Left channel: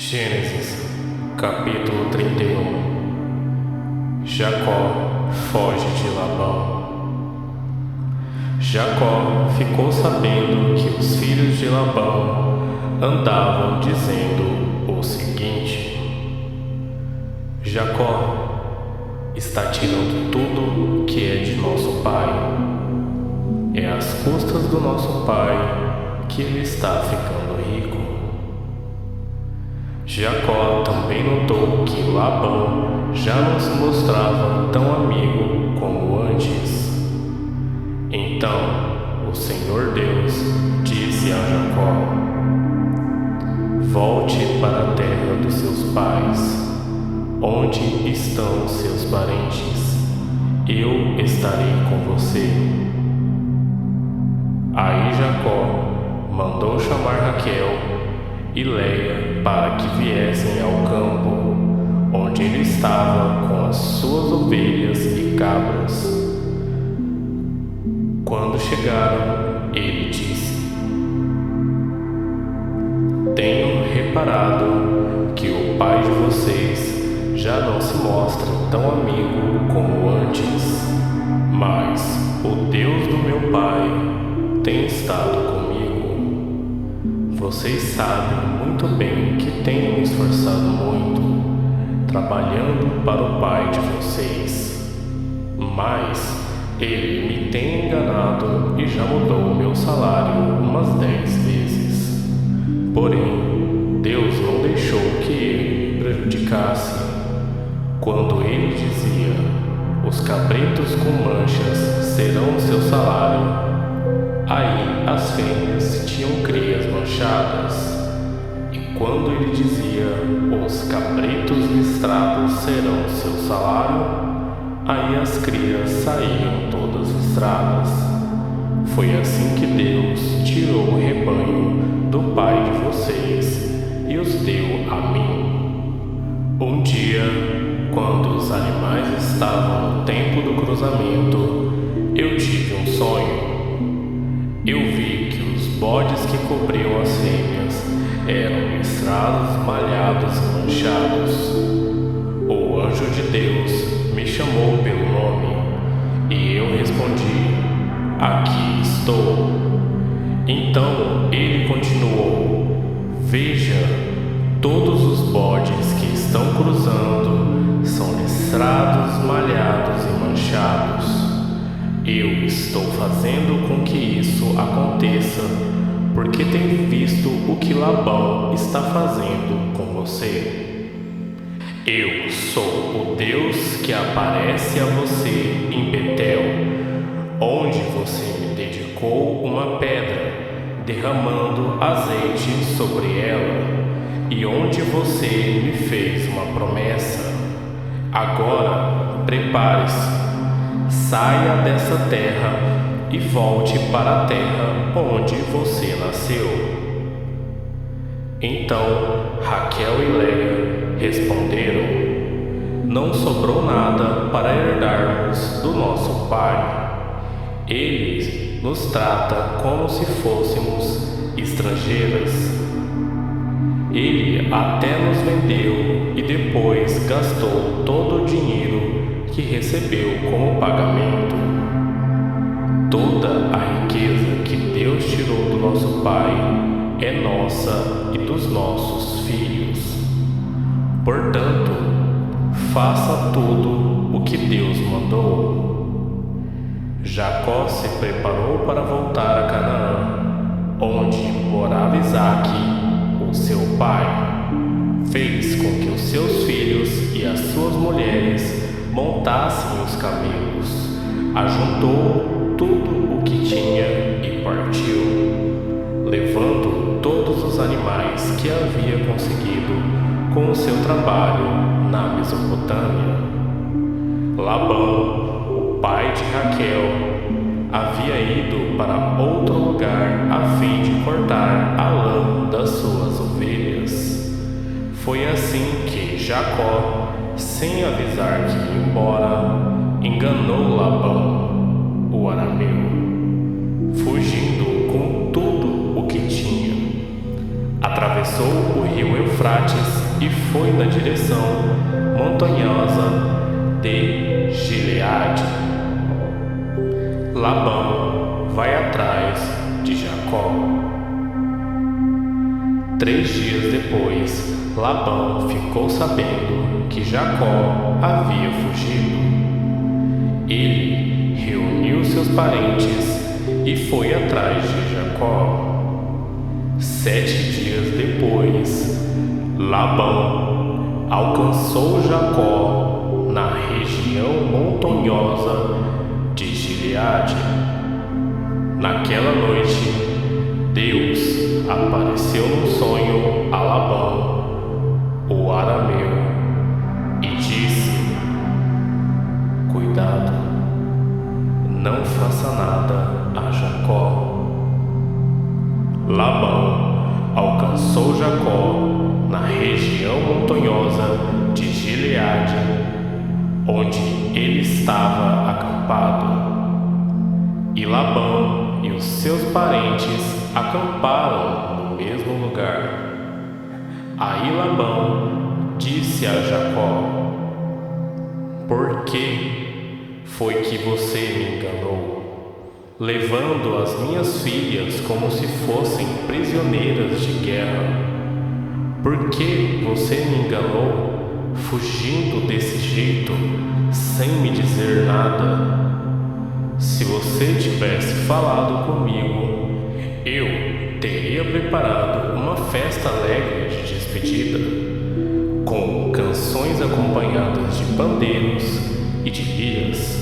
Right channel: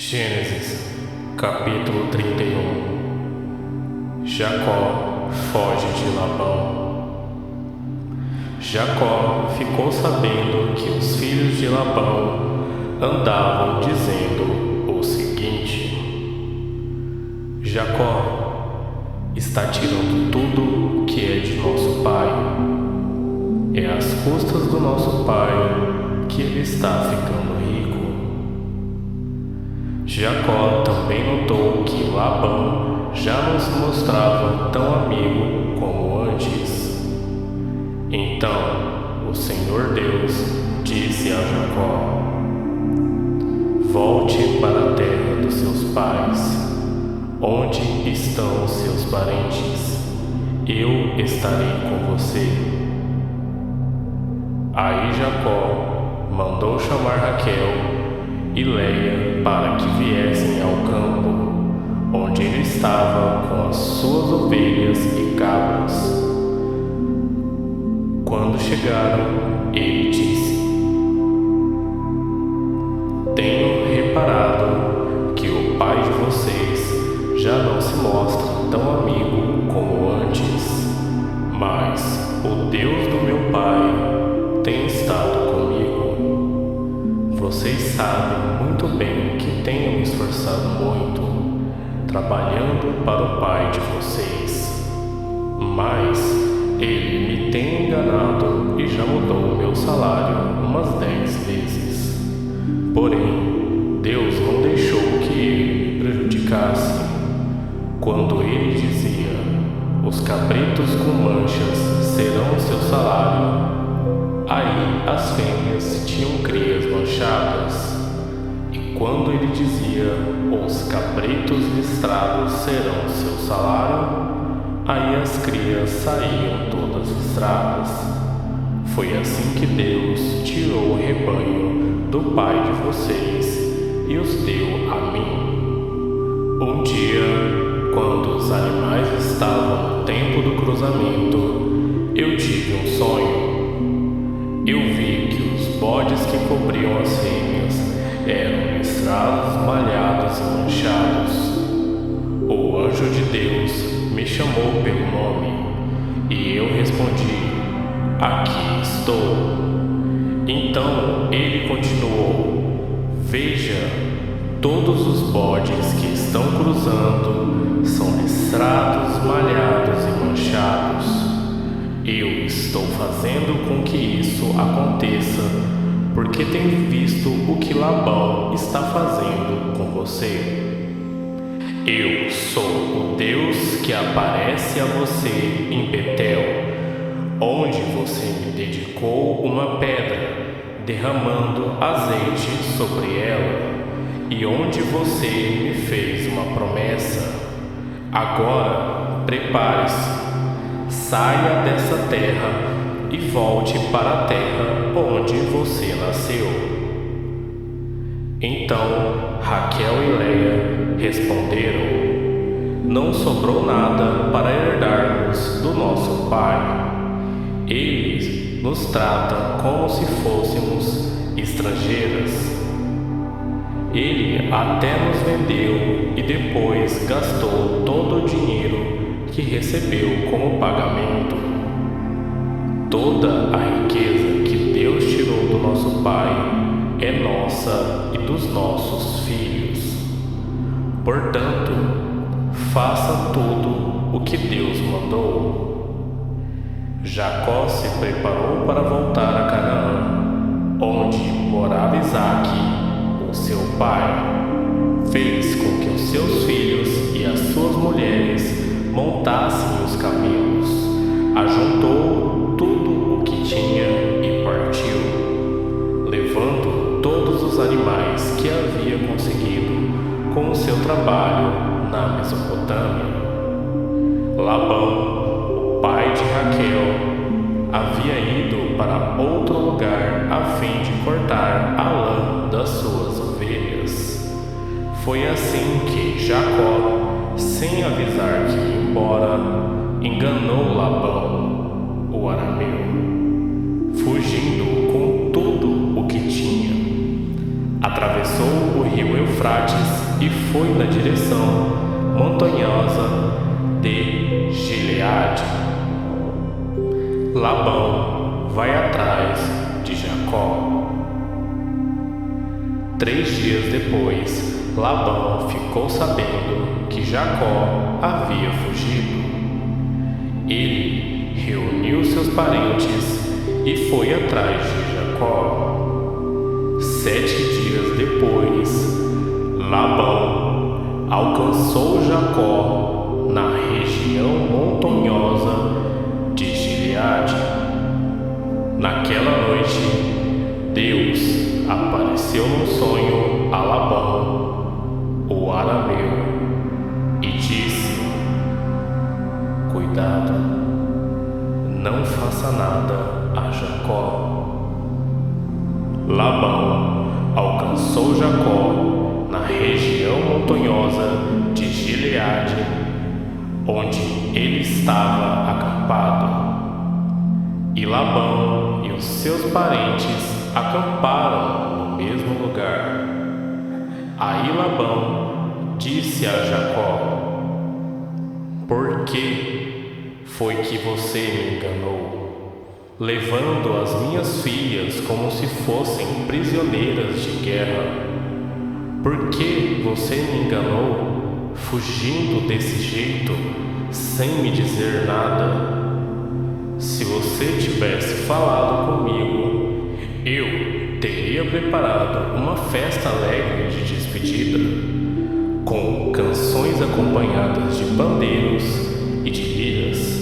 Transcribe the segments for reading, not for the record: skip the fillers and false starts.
Gênesis, capítulo 31. Jacó foge de Labão. Jacó ficou sabendo que os filhos de Labão andavam dizendo o seguinte: Jacó está tirando tudo que é de nosso pai. É às custas do nosso pai que ele está ficando rico. Jacó também notou que Labão já não se mostrava tão amigo como antes. Então o Senhor Deus disse a Jacó: volte para a terra dos seus pais, onde estão seus parentes. Eu estarei com você. Aí Jacó mandou chamar Raquel e Leia para que viessem ao campo, onde ele estava com as suas ovelhas e cabras. Quando chegaram, ele disse: tenho reparado que o pai de vocês já não se mostra tão amigo como antes, mas o Deus do meu pai tem estado comigo. Vocês sabem muito bem que tenho me esforçado muito, trabalhando para o pai de vocês. Mas ele me tem enganado e já mudou o meu salário umas 10 vezes. Porém, Deus não deixou que ele me prejudicasse. Quando ele dizia: os cabritos com manchas serão o seu salário, aí as fêmeas tinham crias manchadas. E quando ele dizia: os cabritos listrados serão seu salário, aí as crias saíam todas listradas. Foi assim que Deus tirou o rebanho do pai de vocês e os deu a mim. Um dia, quando os animais estavam no tempo do cruzamento, eu tive um sonho. Eu vi que os bodes que cobriam as fêmeas eram listrados, malhados e manchados. O anjo de Deus me chamou pelo nome, e eu respondi: aqui estou. Então ele continuou: veja, todos os bodes que estão cruzando são listrados, malhados e manchados. Eu estou fazendo com que isso aconteça, porque tenho visto o que Labão está fazendo com você. Eu sou o Deus que aparece a você em Betel, onde você me dedicou uma pedra, derramando azeite sobre ela, e onde você me fez uma promessa. Agora, prepare-se. Saia dessa terra e volte para a terra onde você nasceu. Então Raquel e Leia responderam: não sobrou nada para herdarmos do nosso pai. Ele nos trata como se fôssemos estrangeiras. Ele até nos vendeu e depois gastou todo o dinheiro que recebeu como pagamento. Toda a riqueza que Deus tirou do nosso pai é nossa e dos nossos filhos. Portanto, faça tudo o que Deus mandou. Jacó se preparou para voltar a Canaã, onde morava Isaque, o seu pai. Fez com que os seus filhos e as suas mulheres montassem os camelos, ajuntou tudo o que tinha e partiu, levando todos os animais que havia conseguido com o seu trabalho na Mesopotâmia. Labão, o pai de Raquel, havia ido para outro lugar a fim de cortar a lã das suas ovelhas. Foi assim que Jacó, sem avisar que ia embora, enganou Labão, o arameu, fugindo com tudo o que tinha. atravessou o rio Eufrates e foi na direção montanhosa de Gileade. Labão vai atrás de Jacó. 3 dias depois, Labão ficou sabendo que Jacó havia fugido. Ele reuniu seus parentes e foi atrás de Jacó. 7 dias depois, Labão alcançou Jacó na região montanhosa de Gileade. Naquela noite, Deus apareceu num sonho a Labão, o arameu, e disse: cuidado, não faça nada a Jacó. Labão alcançou Jacó na região montanhosa de Gileade, onde ele estava acampado. E Labão e os seus parentes acamparam no mesmo lugar. Aí Labão disse a Jacó: por que foi que você me enganou, levando as minhas filhas como se fossem prisioneiras de guerra? Por que você me enganou, fugindo desse jeito, sem me dizer nada? Se você tivesse falado comigo, eu teria preparado uma festa alegre de despedida, com canções acompanhadas de pandeiros e de liras.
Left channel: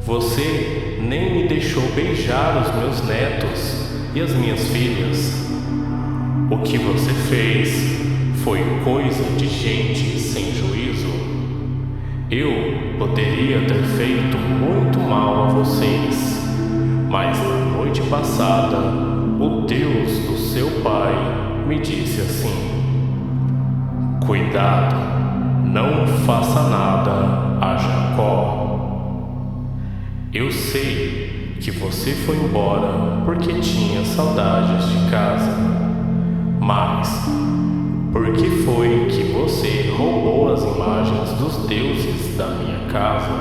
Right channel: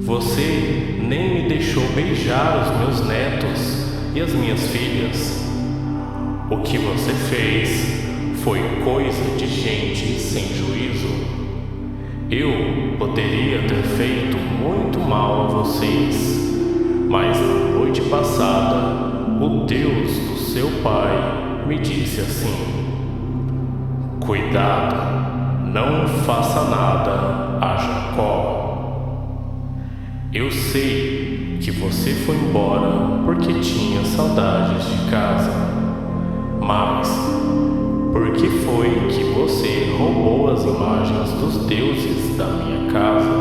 Você nem me deixou beijar os meus netos e as minhas filhas. O que você fez foi coisa de gente sem juízo. Eu poderia ter feito muito mal a vocês, mas na noite passada, o Deus do seu pai me disse assim: cuidado, não faça nada a Jacó. Eu sei que você foi embora porque tinha saudades de casa, mas por que foi que você roubou as imagens dos deuses da minha casa?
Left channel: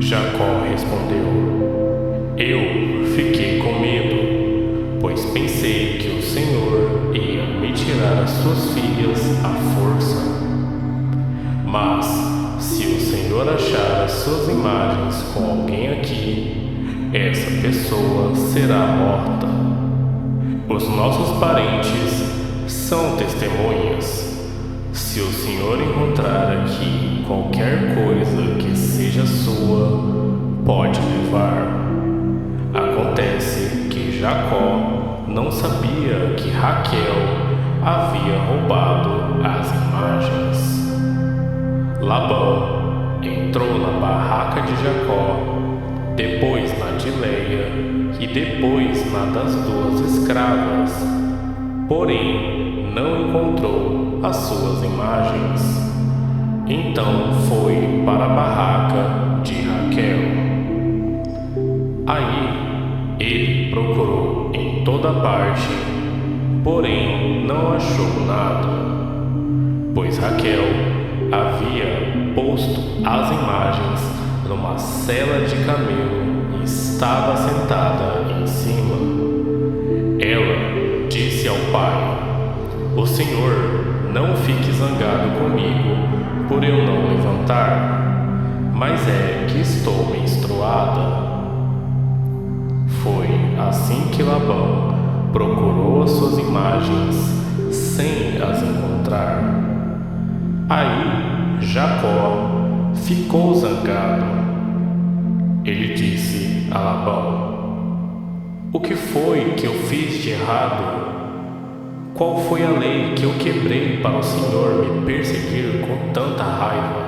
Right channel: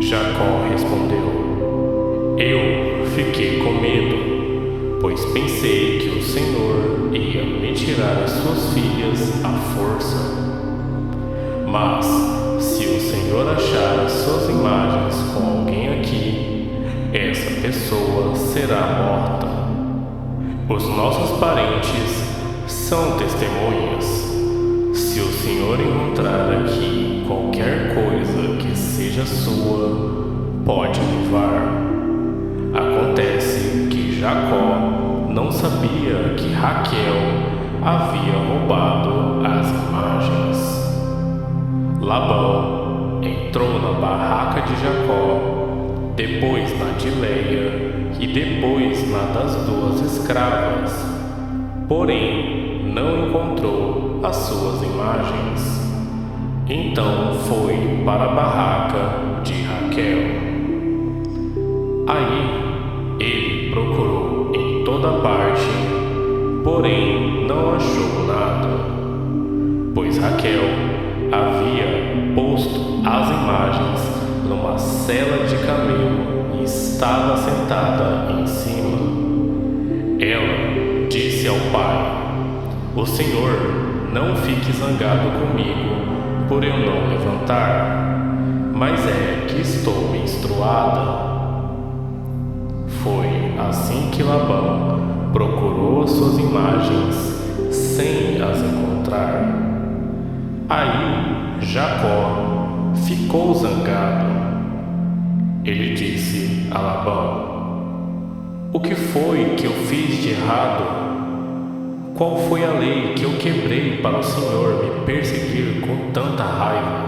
Jacó respondeu: eu fiquei com medo, pois pensei que o Senhor ia me tirar as suas filhas à força. Mas se o Senhor achar as suas imagens com alguém aqui, essa pessoa será morta. Os nossos parentes são testemunhas. Se o Senhor encontrar aqui qualquer coisa que seja sua, pode levar. Acontece que Jacó não sabia que Raquel havia roubado as imagens. Labão entrou na barraca de Jacó, depois na de Leia e depois na das 2 escravas, porém não encontrou as suas imagens. Então foi para a barraca de Raquel. Aí ele procurou em toda parte, porém não achou nada, pois Raquel havia posto as imagens numa sela de camelo e estava sentada em cima. Ela disse ao pai: o Senhor não fique zangado comigo por eu não levantar, mas é que estou menstruada. Foi assim que Labão procurou as suas imagens sem as encontrar. Aí Jacó ficou zangado. Ele disse a Labão: o que foi que eu fiz de errado? Qual foi a lei que eu quebrei para o Senhor me perseguir com tanta raiva?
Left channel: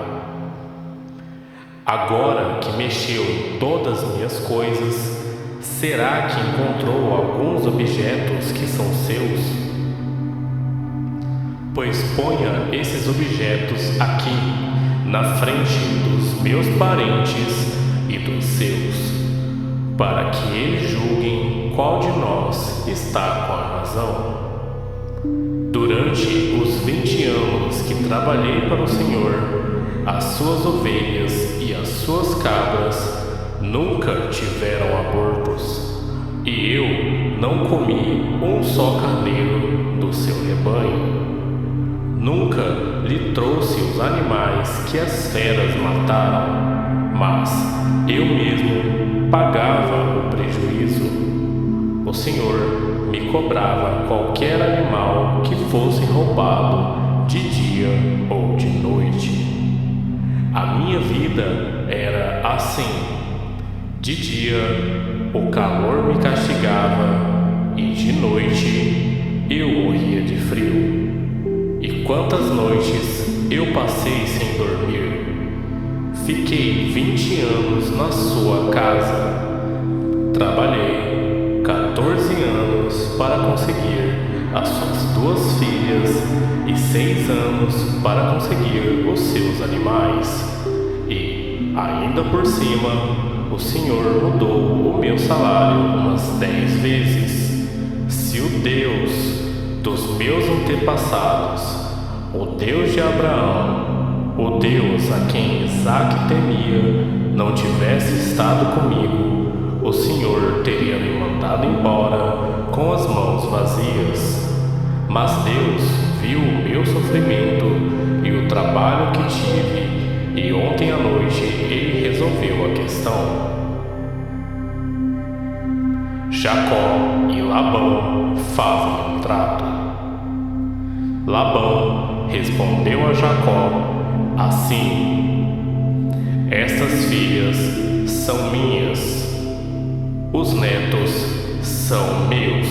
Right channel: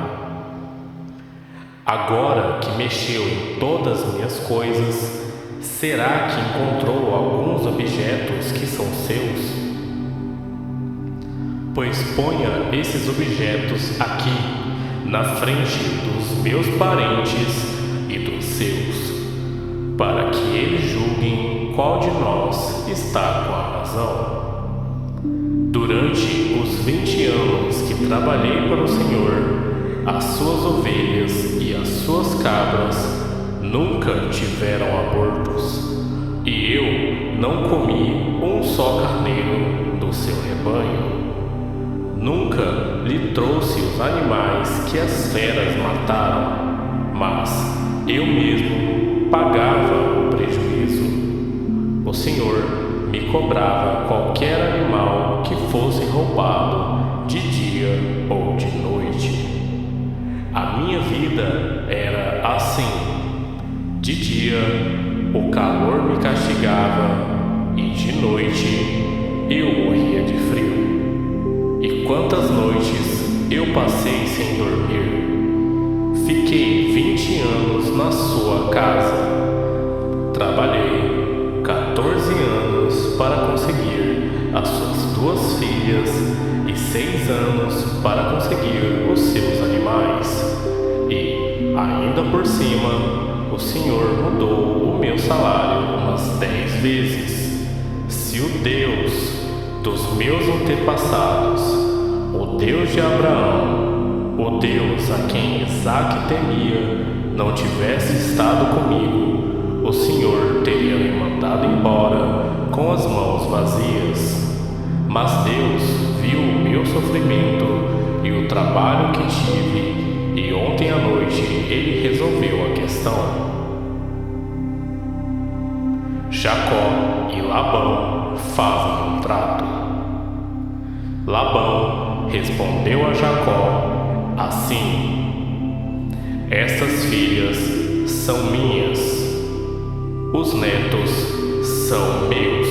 Agora que mexeu em todas as minhas coisas, será que encontrou alguns objetos que são seus? Pois ponha esses objetos aqui, na frente dos meus parentes e dos seus, para que eles julguem qual de nós está com a razão. Durante os 20 anos que trabalhei para o Senhor, as suas ovelhas e as suas cabras nunca tiveram abortos, e eu não comi um só carneiro do seu rebanho. Nunca lhe trouxe os animais que as feras mataram, mas eu mesmo pagava o prejuízo. O Senhor me cobrava qualquer animal que fosse roubado de dia ou de noite. A minha vida era assim. De dia, o calor me castigava e de noite eu morria de frio. E quantas noites eu passei sem dormir? Fiquei 20 anos na sua casa. Trabalhei 14 anos para conseguir as suas 2 filhas e 6 anos para conseguir os seus animais. E, ainda por cima, o Senhor mudou o meu salário umas 10 vezes. Se o Deus dos meus antepassados, o Deus de Abraão, o Deus a quem Isaque temia, não tivesse estado comigo, o Senhor teria me mandado embora com as mãos vazias. Mas Deus viu o meu sofrimento e o trabalho que tive, e ontem à noite Ele resolveu a questão. Jacó e Labão fazem um trato. Labão respondeu a Jacó assim: estas filhas são minhas. Os netos são meus.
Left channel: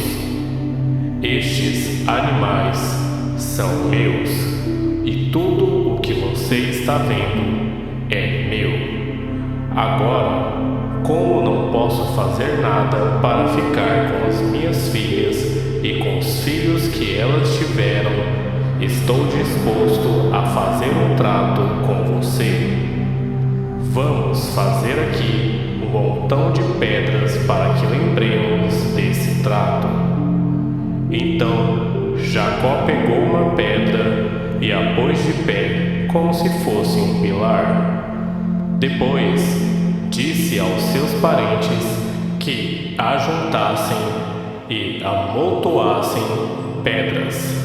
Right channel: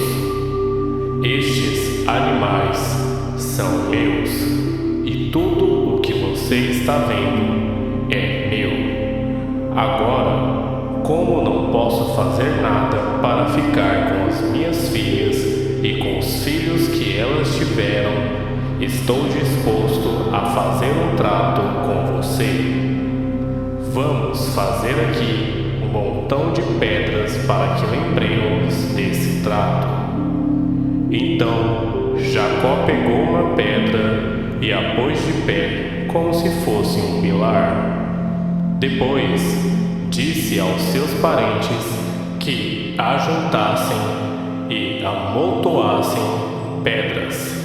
Estes animais são meus. E tudo o que você está vendo é meu. Agora, como não posso fazer nada para ficar com as minhas filhas e com os filhos que elas tiveram, estou disposto a fazer um trato com você. Vamos fazer aqui um montão de pedras para que lembremos desse trato. Então Jacó pegou uma pedra e a pôs de pé como se fosse um pilar. Depois disse aos seus parentes que ajuntassem e amontoassem pedras.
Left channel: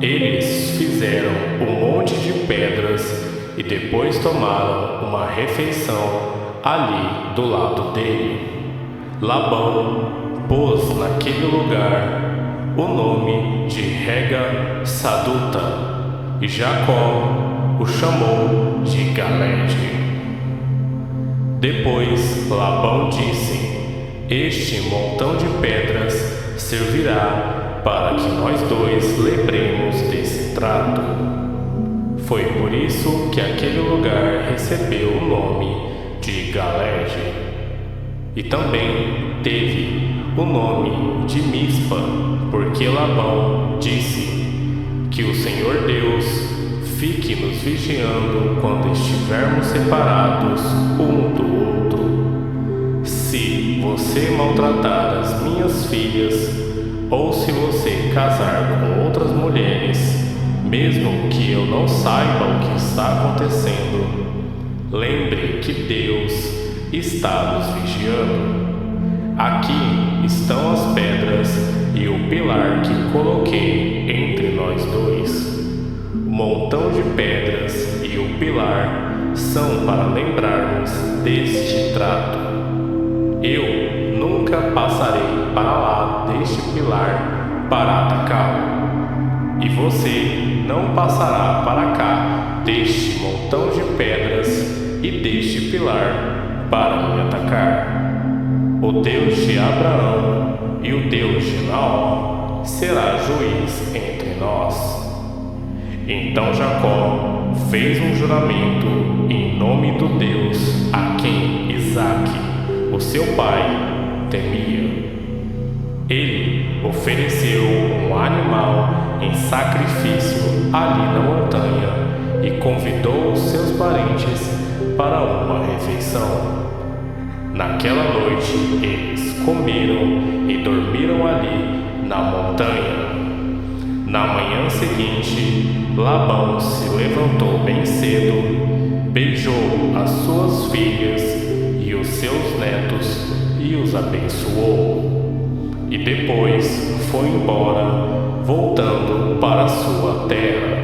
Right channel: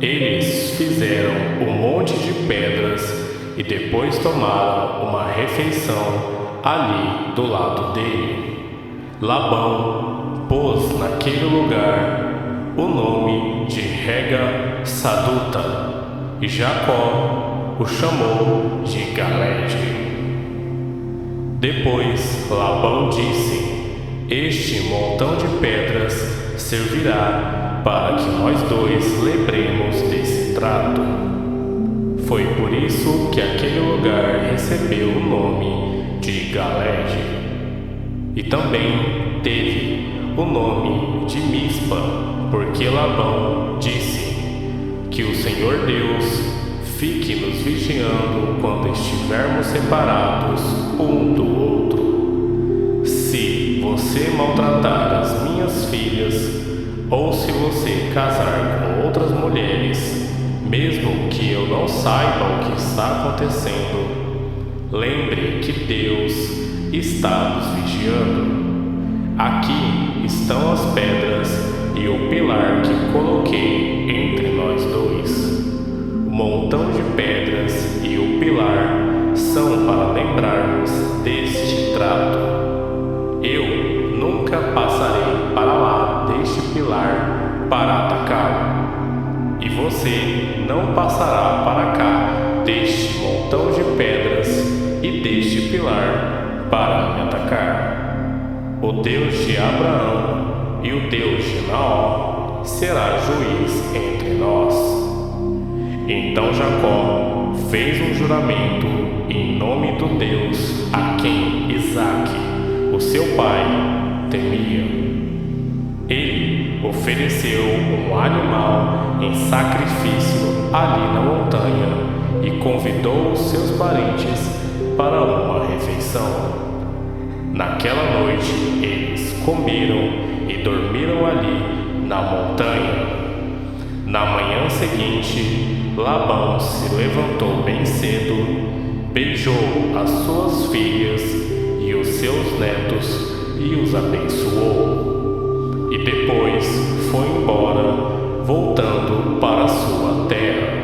Eles fizeram um monte de pedras e depois tomaram uma refeição ali do lado dele. Labão pôs naquele lugar o nome de Rega Saduta, e Jacó o chamou de Galede. Depois Labão disse: este montão de pedras servirá para que nós dois lembremos desse trato. Foi por isso que aquele lugar recebeu o nome de Galede. E também teve o nome de Mispa, porque Labão disse: que o Senhor Deus fique nos vigiando quando estivermos separados um do outro. Se você maltratar as minhas filhas, ou se você casar com outras mulheres, mesmo que eu não saiba o que está acontecendo, lembre que Deus está nos vigiando. Aqui estão as pedras e o pilar que coloquei entre nós dois. O montão de pedras e o pilar são para lembrarmos deste trato. Eu nunca passarei para lá deste pilar para atacá-lo, e você não passará para cá deste montão de pedras e deste pilar para me atacar. O Deus de Abraão e o Deus de Naor será juiz entre nós. Então Jacó fez um juramento em nome do Deus a quem Isaque, o seu pai, temia. Ele ofereceu um animal em sacrifício ali na montanha e convidou os seus parentes para uma refeição. Naquela noite eles comeram e dormiram ali na montanha. Na manhã seguinte, Labão se levantou bem cedo, beijou as suas filhas e os seus netos e os abençoou. E depois foi embora, voltando para sua terra.